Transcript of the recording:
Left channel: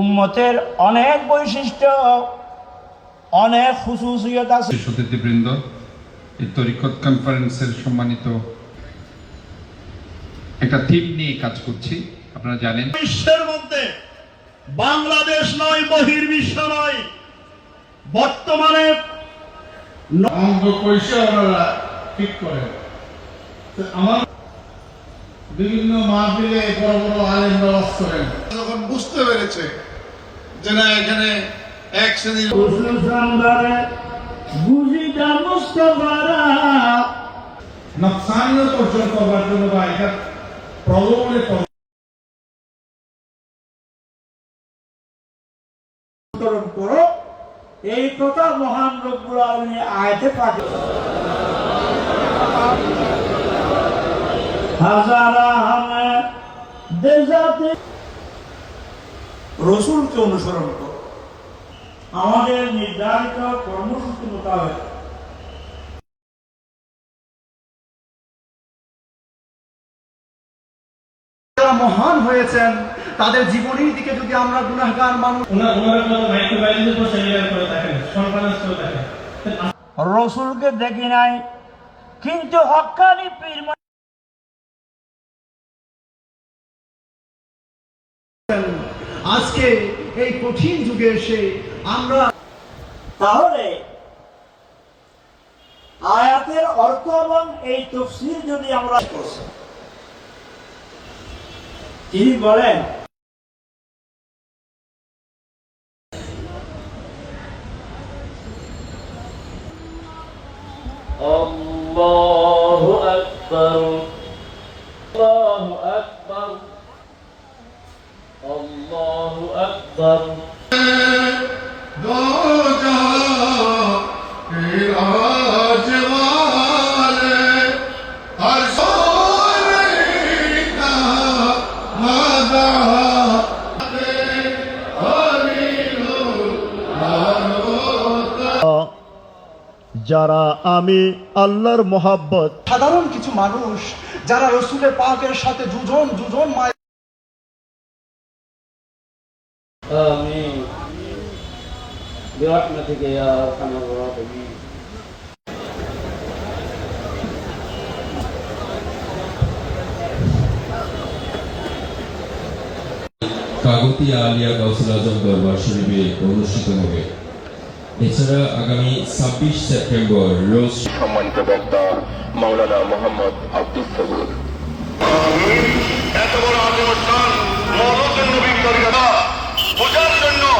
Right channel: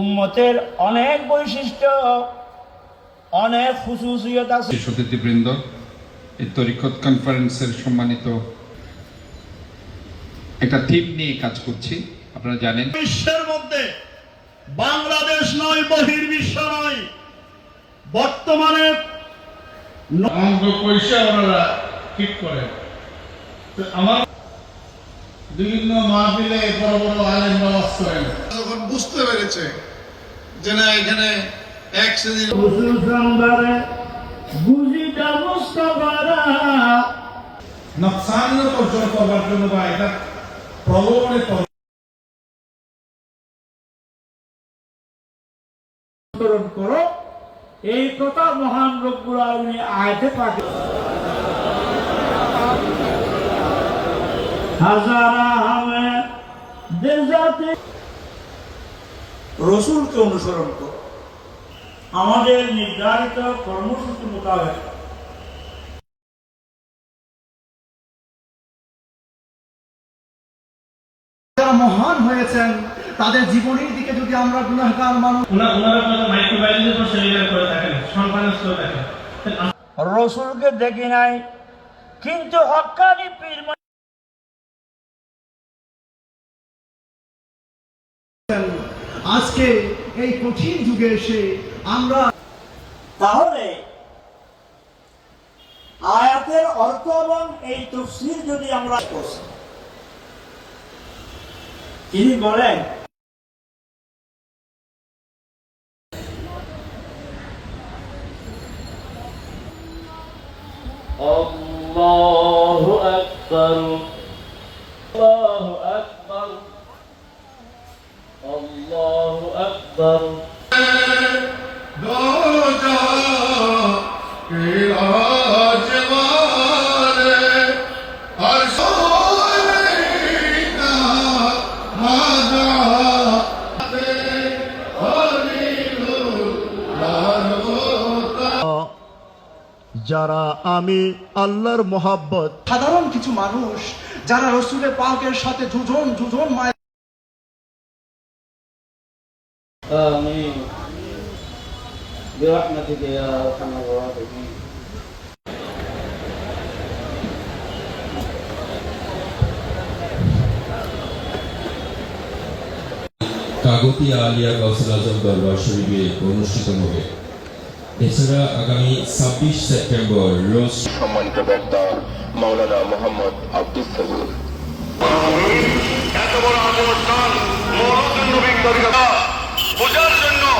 উম্মতের অনেক বৈশিষ্ট্য অনেক খুশুসিয়ত আছে। সতীবৃন্দ এই তরিকত কনফারেন্সের সম্মানিত একটা থিম নিয়ে কাজ করছি আপনারা জানেন। বিশ্বের মধ্যে বাংলাদেশ নয় বহির্বিশ্ব নয় বর্তমানে অঙ্গ পয়সা ওনারা ঠিক করেন। আমার বিভিন্ন মাহফিলে বড় বড় আলেম নামাজ করেন। যখন বুঝতে পেরেছে যে না এখানে এক শ্রেণির বুঝিটা নকশান অর্জন করবার জন্য বা এটা প্রলোভনে করো এই কথা মহান আলমী আয়তে পাঠে দেজাতে রসুলকে অনুসরণ করো। আমাদের নির্ধারিত কর্মসূচি মোতাবেক। মহান হয়েছেন তাদের জীবনীর দিকে যদি আমরা গুণাগার মানুষ রসুলকে দেখি নাই কিন্তু হকানি পীর আজকে এই কঠিন যুগে এসে আমরা তাহলে আয়াতের অর্থ এবং এই তফসির যদি আমরা করছি তিনি বলেন الله أكبر الله أكبر যারা আমি আল্লাহর মোহাব্বত। সাধারণ কিছু মানুষ যারা রসুলের পাকের সাথে দুজন দুজন মায়ের آمين برحمتك يا أرحم الراحمين কাগতিয়া আলিয়া গাউসুল আজম দরবার শরীফে অনুষ্ঠিত হবে এছাড়া আগামী ছাব্বিশ সেপ্টেম্বর রোজ সম্মানিত বক্তা মাওলানা মোহাম্মদ আব্দুল সবুর এত বড় భుజాలు